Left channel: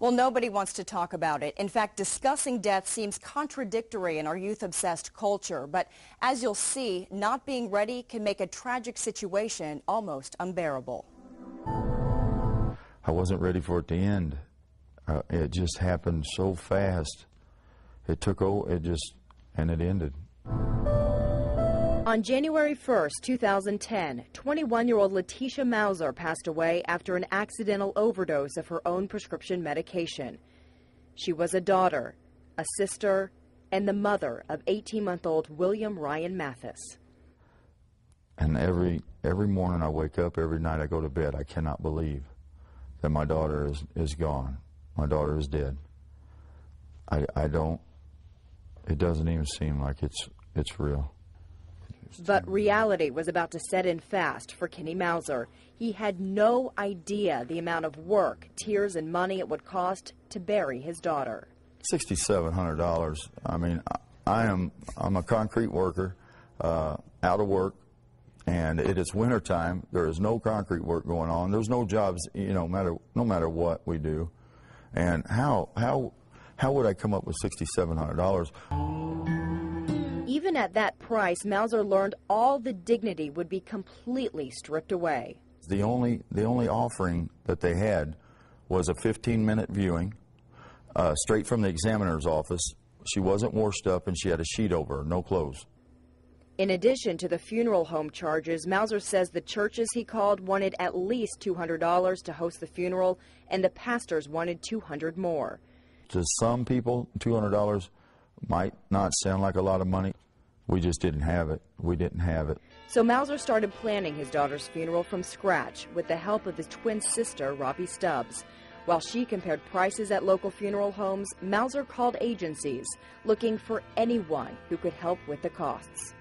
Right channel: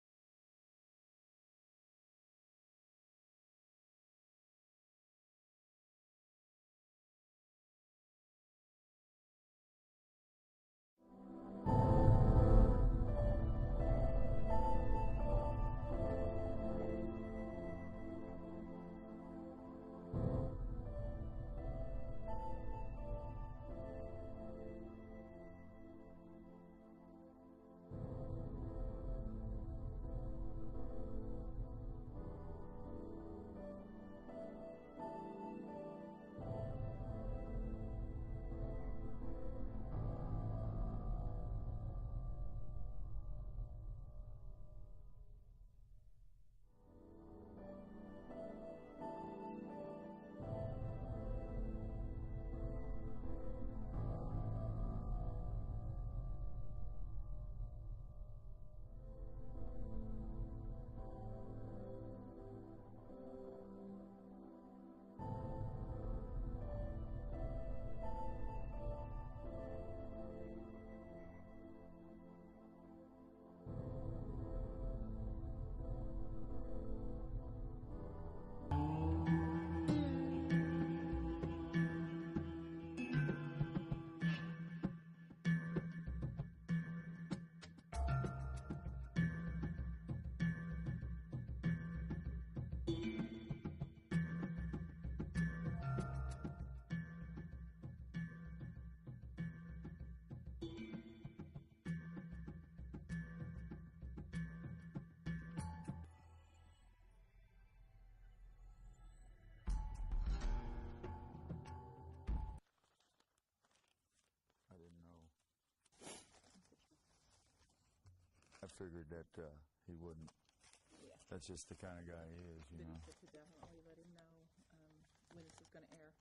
Well, nobody wants to talk about it. In fact, discussing death seems contradictory in our youth-obsessed culture. But as you'll see, not being ready can make a tragic situation almost unbearable. I wasn't ready for it to end. It just happened so fast. It took over, and it ended. On January 1st, 2010, 21-year-old Letitia Mauser passed away after an accidental overdose of her own prescription medication. She was a daughter, a sister, and the mother of 18-month-old William Ryan Mathis. And every morning I wake up, every night I go to bed, I cannot believe that my daughter is gone. My daughter is dead. It doesn't even seem like it's real. But reality was about to set in fast for Kenny Mauser. He had no idea the amount of work, tears, and money it would cost to bury his daughter. $6,700. I mean, I'm a concrete worker, out of work, and it is winter time. There is no concrete work going on. There's no jobs, no matter what we do. And how would I come up with $6,700? Even at that price, Mauser learned all the dignity would be completely stripped away. The only offering that they had was a 15-minute viewing, straight from the examiner's office. She wasn't washed up, and she had a sheet over her, no clothes. In addition to the funeral home charges, Mauser says the churches he called wanted at least $200 to host the funeral, and the pastors wanted $200 more. To some people, $200 might not sound like a lot of money. We just didn't have it. We didn't have it. So Mauser started planning his daughter's funeral from scratch with the help of his twin sister, Robbie Stubbs. While she compared prices at local funeral homes, Mauser called agencies looking for anyone who could help with the costs.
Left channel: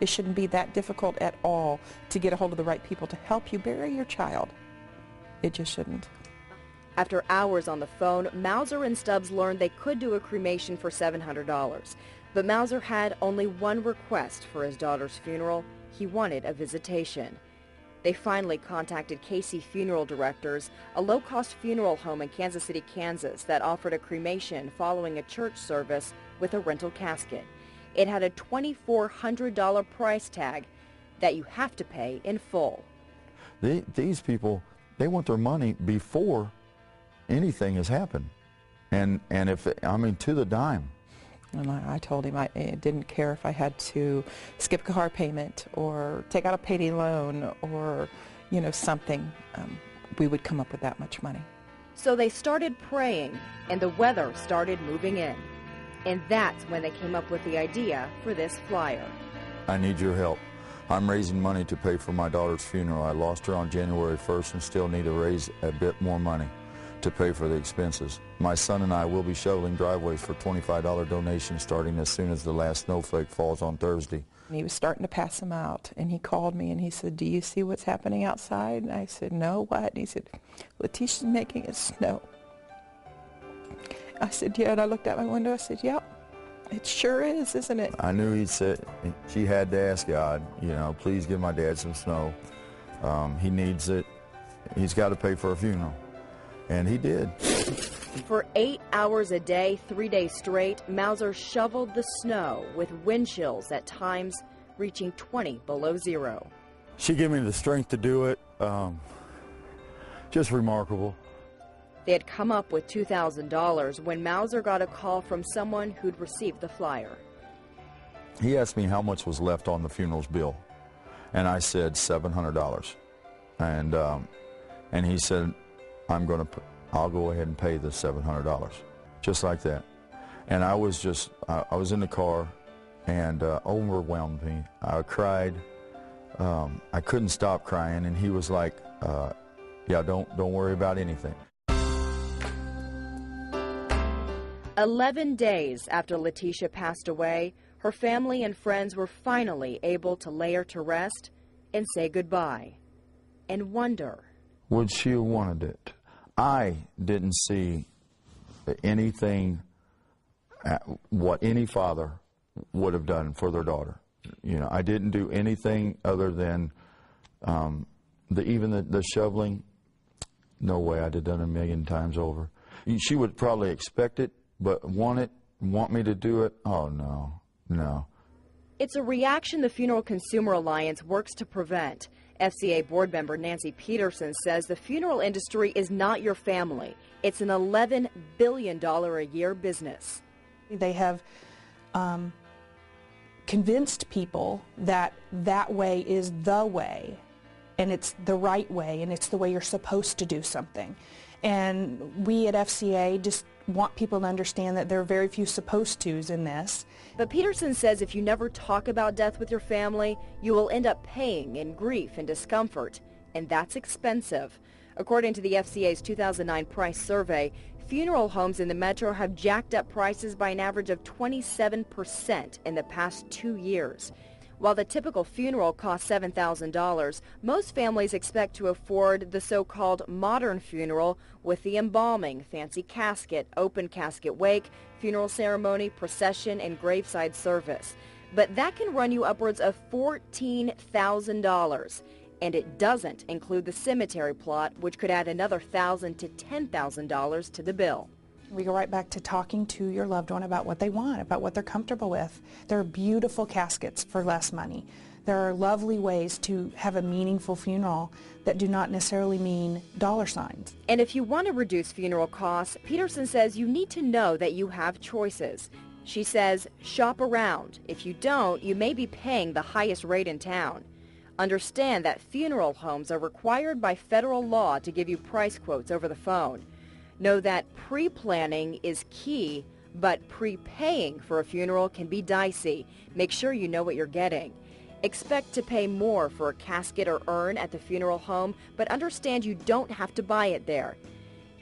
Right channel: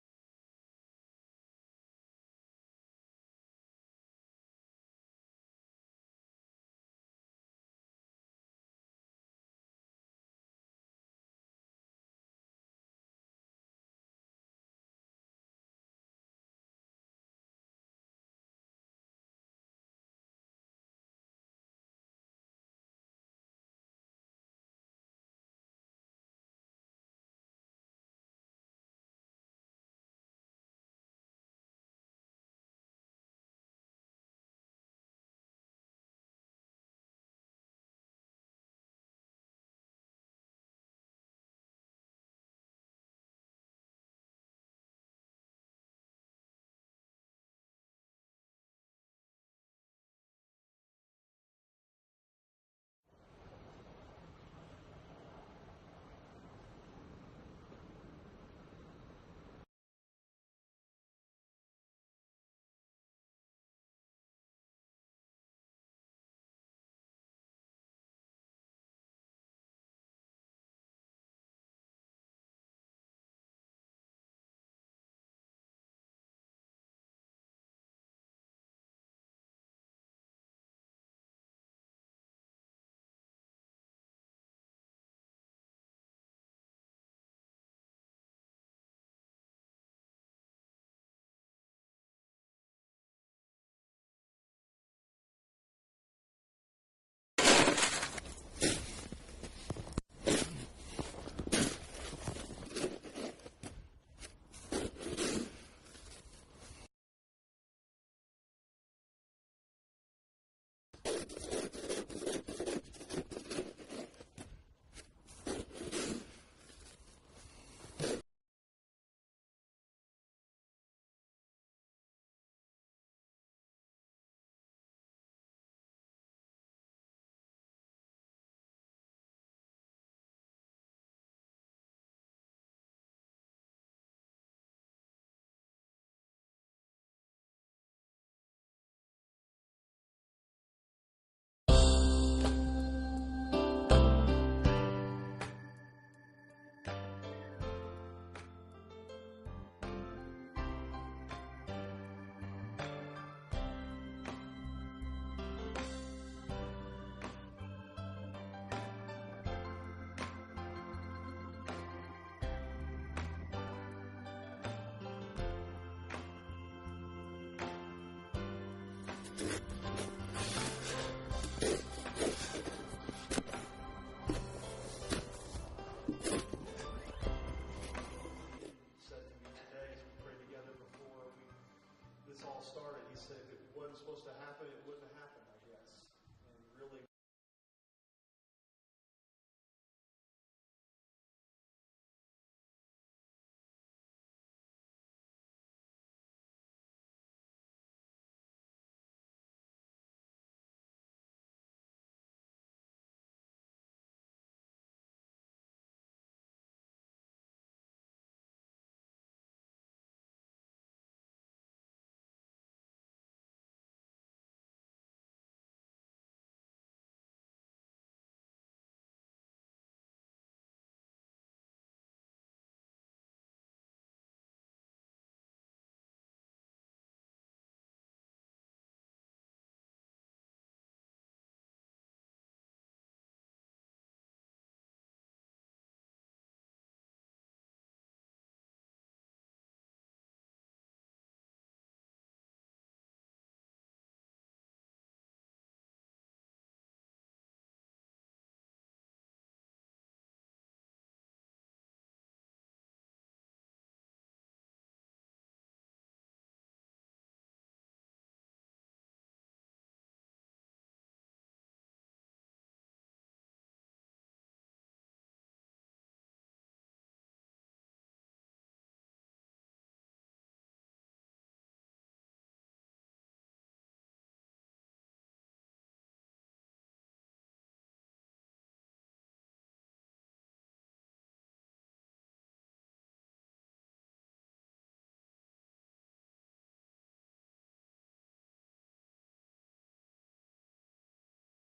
It shouldn't be that difficult at all to get a hold of the right people to help you bury your child. It just shouldn't. After hours on the phone, Mauser and Stubbs learned they could do a cremation for $700. But Mauser had only one request for his daughter's funeral. He wanted a visitation. They finally contacted Casey Funeral Directors, a low-cost funeral home in Kansas City, Kansas, that offered a cremation following a church service with a rental casket. It had a $2,400 price tag that you have to pay in full. These people, they want their money before anything has happened, and to the dime. And I told him I didn't care if I had to skip a car payment or take out a payday loan or, something. We would come up with that much money. So they started praying, and the weather started moving in. And that's when they came up with the idea for this flyer. I need your help. I'm raising money to pay for my daughter's funeral. I lost her on January 1st and still need to raise a bit more money to pay for the expenses. My son and I will be shoveling driveways for $25 donations starting as soon as the last snowflake falls on Thursday. He was starting to pass them out, and he called me and he said, "Do you see what's happening outside?" And I said, "No, what?" And he said, "Letitia's making it snow." I said, "Yeah," and I looked out my window. I said, "Yep, it sure is, isn't it?" I knew she had to ask God, please give my dad some snow. He needs it. He's got to pay for a funeral. And he did. For 8 hours a day, 3 days straight, Mauser shoveled the snow with wind chills at times reaching 20 below zero. She gave me the strength to do it. Just remarkable. They had come up with $2,000 when Mauser got a call from someone who'd received the flyer. He asked me how much was left on the funeral's bill, and I said $700. And he said, I'll go ahead and pay the $700, just like that. And I was in the car, and overwhelmed me. I cried. I couldn't stop crying, and he was like, "Yeah, don't worry about anything." 11 days after Letitia passed away, her family and friends were finally able to lay her to rest and say goodbye, and wonder, would she have wanted it? I didn't see anything what any father would have done for their daughter. I didn't do anything other than even the shoveling. No way, I'd have done a million times over. She would probably expect it, but want me to do it? Oh, no. It's a reaction the Funeral Consumer Alliance works to prevent. FCA board member Nancy Peterson says the funeral industry is not your family. It's an $11 billion a year business. They have convinced people that that way is the way, and it's the right way, and it's the way you're supposed to do something. And we at FCA just want people to understand that there are very few supposed tos in this. But Peterson says if you never talk about death with your family, you will end up paying in grief and discomfort, and that's expensive. According to the FCA's 2009 price survey, funeral homes in the metro have jacked up prices by an average of 27% in the past 2 years. While the typical funeral costs $7,000, most families expect to afford the so-called modern funeral with the embalming, fancy casket, open casket wake, funeral ceremony, procession, and graveside service. But that can run you upwards of $14,000. And it doesn't include the cemetery plot, which could add another $1,000 to $10,000 to the bill. We go right back to talking to your loved one about what they want, about what they're comfortable with. There are beautiful caskets for less money. There are lovely ways to have a meaningful funeral that do not necessarily mean dollar signs. And if you want to reduce funeral costs, Peterson says you need to know that you have choices. She says, shop around. If you don't, you may be paying the highest rate in town. Understand that funeral homes are required by federal law to give you price quotes over the phone. Know that pre-planning is key, but prepaying for a funeral can be dicey. Make sure you know what you're getting. Expect to pay more for a casket or urn at the funeral home, but understand you don't have to buy it there.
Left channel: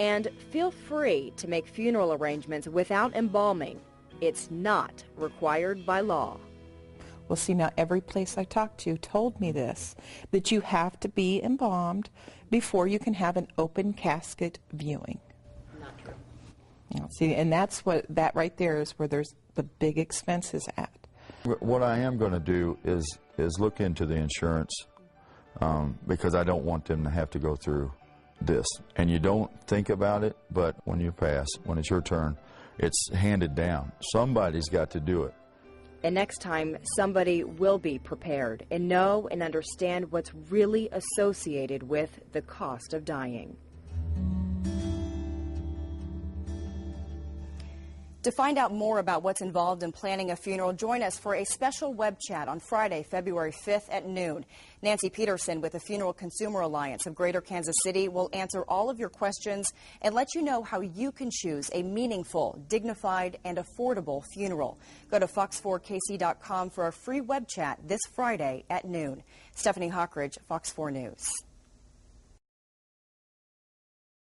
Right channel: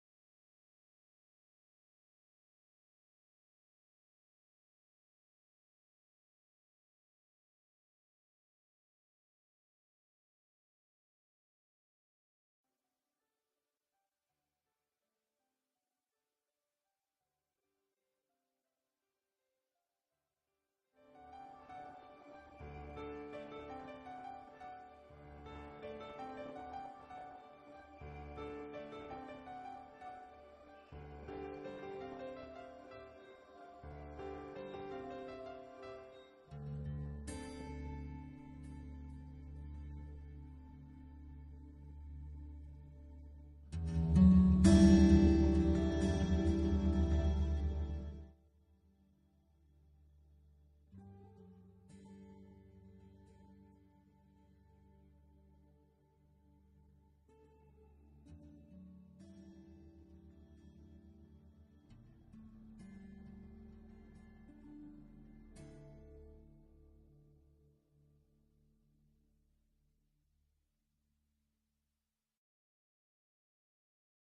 And feel free to make funeral arrangements without embalming. It's not required by law. Well, see, now every place I talked to told me this, that you have to be embalmed before you can have an open casket viewing. Not true. See, and that's what, that right there is where there's the big expenses at. What I am going to do is look into the insurance because I don't want them to have to go through this. And you don't think about it, but when you pass, when it's your turn, it's handed down. Somebody's got to do it. And next time, somebody will be prepared and know and understand what's really associated with the cost of dying. To find out more about what's involved in planning a funeral, join us for a special web chat on Friday, February 5th at noon. Nancy Peterson with the Funeral Consumer Alliance of Greater Kansas City will answer all of your questions and let you know how you can choose a meaningful, dignified, and affordable funeral. Go to fox4kc.com for a free web chat this Friday at noon. Stephanie Hockridge, Fox 4 News.